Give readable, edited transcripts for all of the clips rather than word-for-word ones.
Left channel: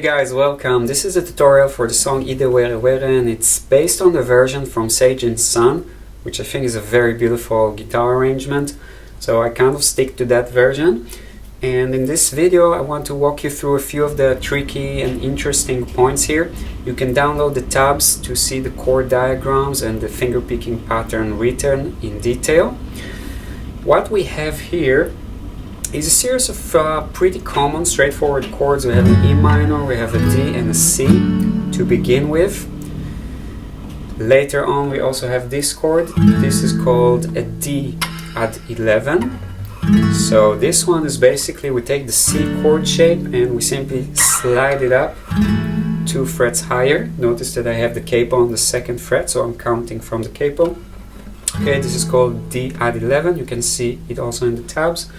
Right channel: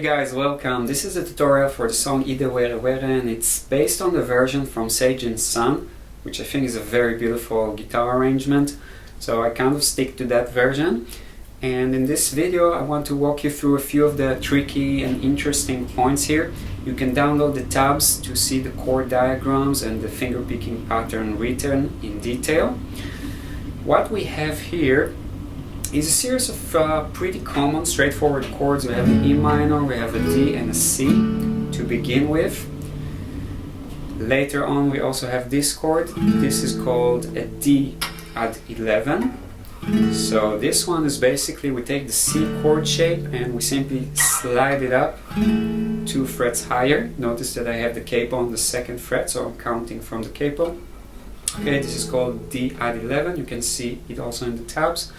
Hey guys, welcome. This is a tutorial for the song Idé Weré Weré, and it's based on the version from 𝗏 Sun, which I think is a very beautiful guitar arrangement. So I kind of stick to that version. And in this video I want to walk you through a few of the tricky and interesting points here. You can download the tabs to see the chord diagrams and the finger picking pattern written in detail. What we have here is a series of pretty common, straightforward chords. We have an E minor, we have a D and a C to begin with. Later on we also have this chord. This is called a D add 11. So this one is basically we take the C chord shape and we simply slide it up 2 frets higher. Notice that I have the capo on the 2nd fret, so I'm counting from the capo. Okay, this is called D add 11. You can see it also in the tabs.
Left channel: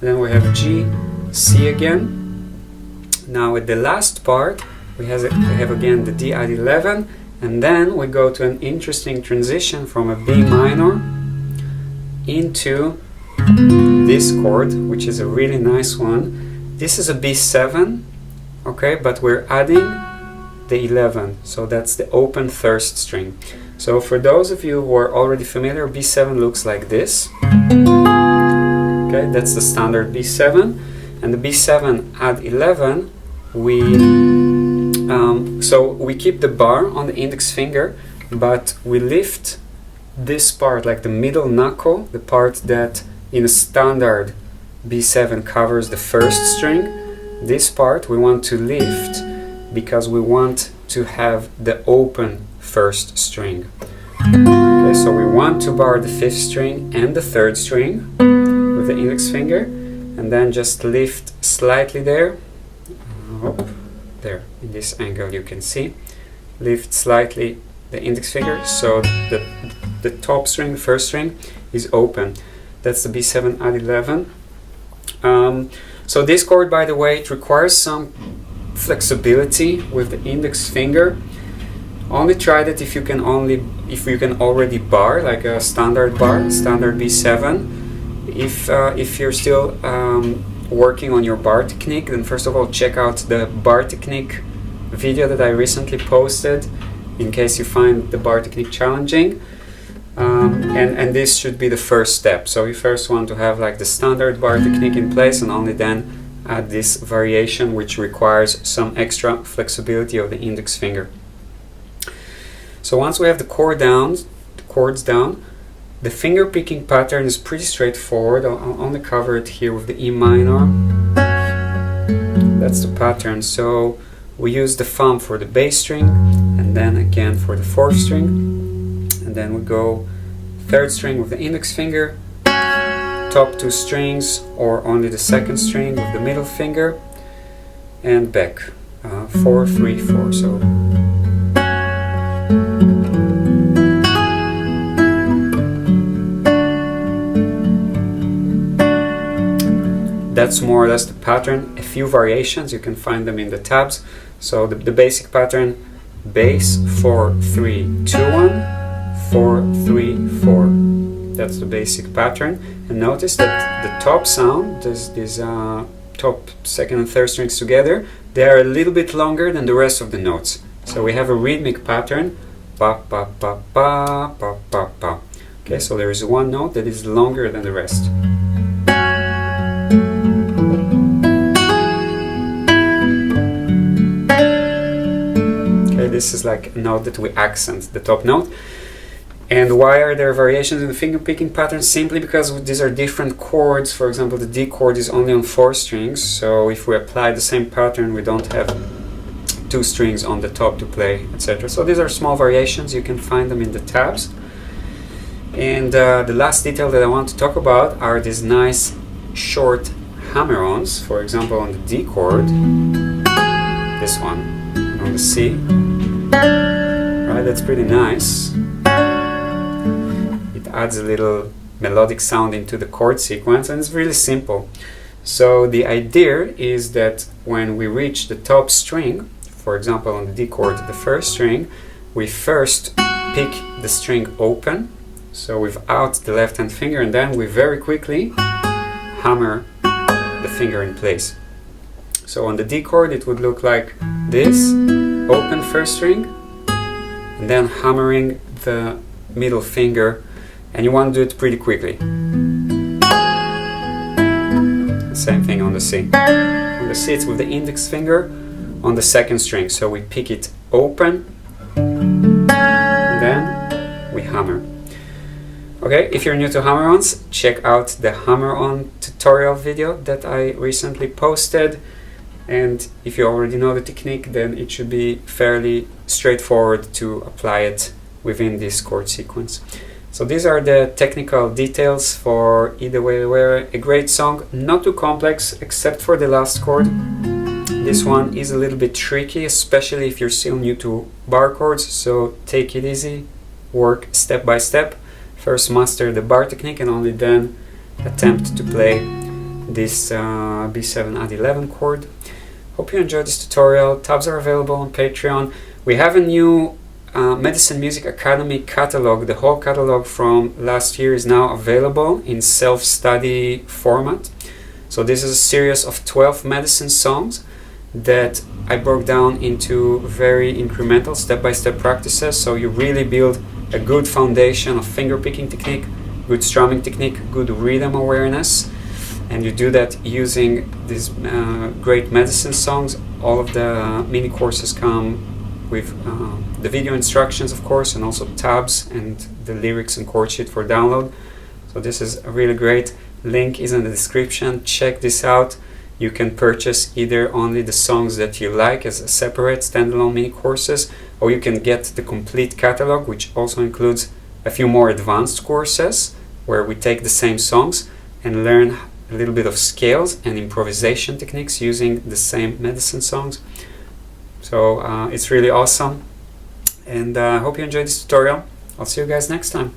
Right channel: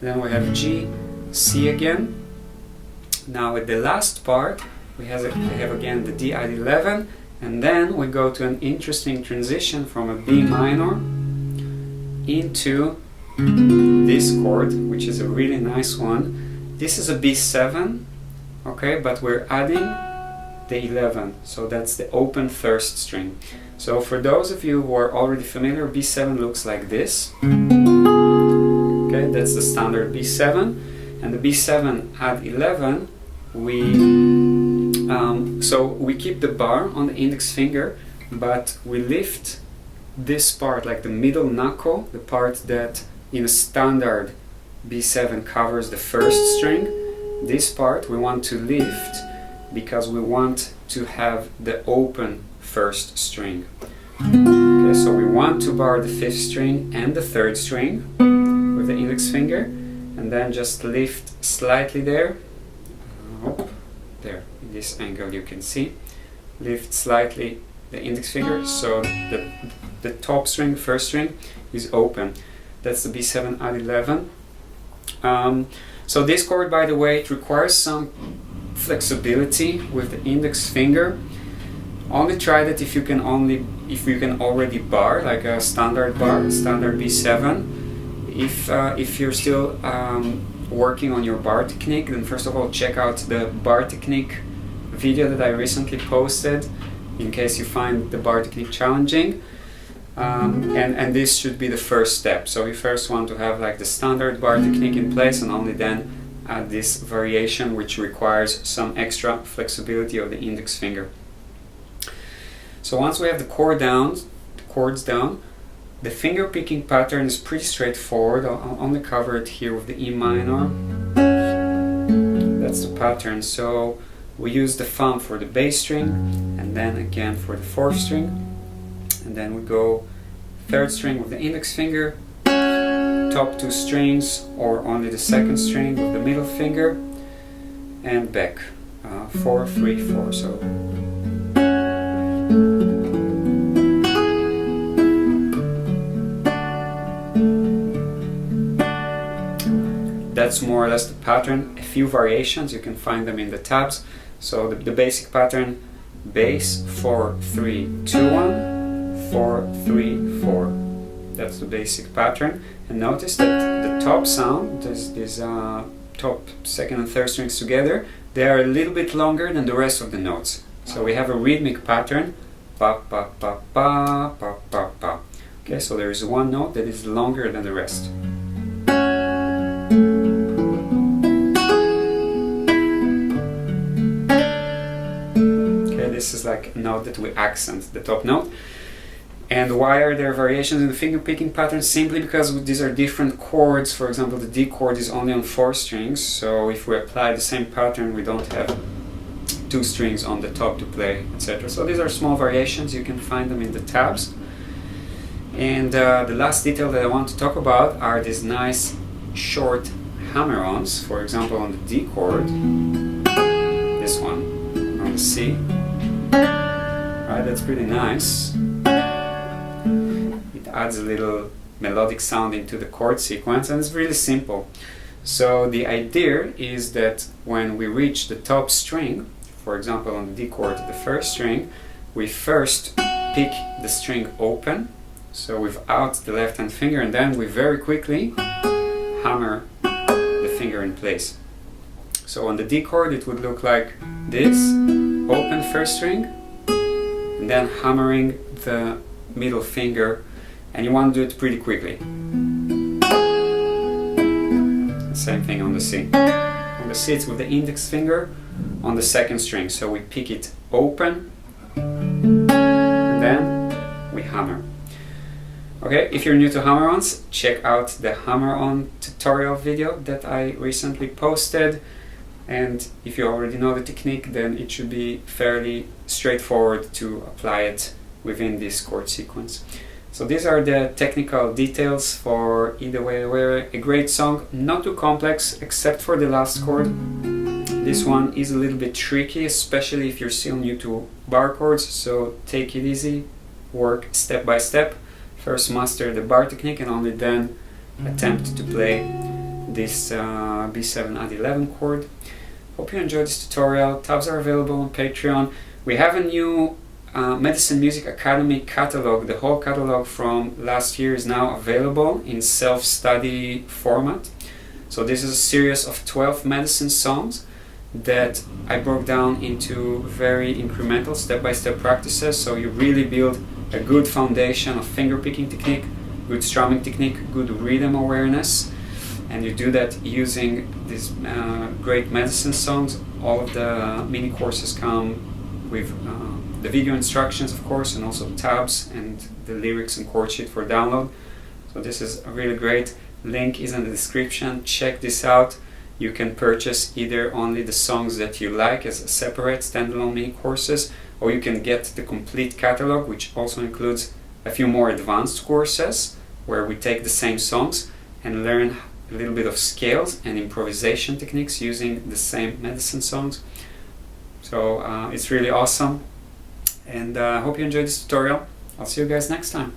Then we have G, C again. Now at the last part we have again the D add 11, and then we go to an interesting transition from a B minor into this chord, which is a really nice one. This is a B7, okay, but we're adding the 11, so that's the open 3rd string. So for those of you who are already familiar, B7 looks like this. Okay, that's the standard B7, and the B7 add 11, so we keep the bar on the index finger, but we lift this part, like the middle knuckle, the part that in a standard B7 covers the 1st string. This part we want to lift because we want to have the open 1st string. Okay, so we want to bar the 5th string and the 3rd string with the index finger, and then just lift slightly there. There, in this angle you can see. Lift slightly the index finger so the top string, the 1st string, is open. That's the B7 add 11. So this chord, by the way, it requires some flexibility with the index finger. Only try that if you can already bar, like a standard bar, standard B7. If you're still working on your bar technique, then first of all check out the bar technique video that I recently posted, in case you find the bar technique challenging. And this should be the first step. So you first want to have like the standard bar technique in place, and only then add this variation, which requires some extra flexibility of the index finger. So once we have the chords down, the finger picking pattern is pretty straightforward. I'll only cover it here with the E minor. That's the pattern. So we use the thumb for the bass string, and then again for the 4th string, and then we go 3rd string with the index finger, top 2 strings, or only the 2nd string with the middle finger, and back 4, 3, 4. So that's more or less the pattern. A few variations, you can find them in the tabs. So the basic pattern: bass 4, 3, 2, 1, 4, 3, 4. That's the basic pattern. And notice that the top sound, these top 2nd and 3rd strings together, they are a little bit longer than the rest of the notes. So we have a rhythmic pattern, pa pa pa pa pa pa pa. Okay, so there is one note that is longer than the rest. This is like a note that we accent, the top note. And why are there variations in the finger picking pattern? Simply because these are different chords. For example, the D chord is only on 4 strings, so if we apply the same pattern we don't have 2 strings on the top to play, etc. So these are small variations, you can find them in the tabs. And the last detail that I want to talk about are these nice short hammer-ons. For example, on the D chord, this one, and on the C. Right, that's pretty nice. It adds a little melodic sound into the chord sequence, and it's really simple. So the idea is that when we reach the top string, for example on the D chord, the 1st string, we first pick the string open, so without the left hand finger, and then we very quickly hammer the finger in place. So on the D chord it would look like this, open first string, and then hammering the middle finger, and you want to do it pretty quickly. Same thing on the C. On the C it's with the index finger on the second string, so we pick it open, and then we hammer. Okay, if you're new to hammer-ons, check out the hammer-on tutorial video that I recently posted, and if you already know the technique, then it should be fairly straightforward to apply it within this chord sequence. So these are the technical details for Idé Weré Weré, a great song, not too complex except for the last chord. This one is a little bit tricky, especially if you're still new to bar chords, so take it easy, work step by step. First master the bar technique and only then attempt to play this B7 add 11 chord. Hope you enjoyed this tutorial. Tabs are available on Patreon. We have a new Medicine Music Academy catalog. The whole catalog from last year is now available in self-study format. So this is a series of 12 medicine songs that I broke down into very incremental step-by-step practices, so you really build a good foundation of finger picking technique, good strumming technique, good rhythm awareness, and you do that using these great medicine songs. All of the mini courses come with the video instructions, of course, and also tabs and the lyrics and chord sheet for download. So this is a really great. Link is in the description. Check this out. You can purchase either only the songs that you like as a separate standalone mini courses, or you can get the complete catalog, which also includes a few more advanced courses where we take the same songs and learn a little bit of scales and improvisation techniques using the same medicine songs. So it's really awesome, and I hope you enjoyed this tutorial. I'll see you guys next time.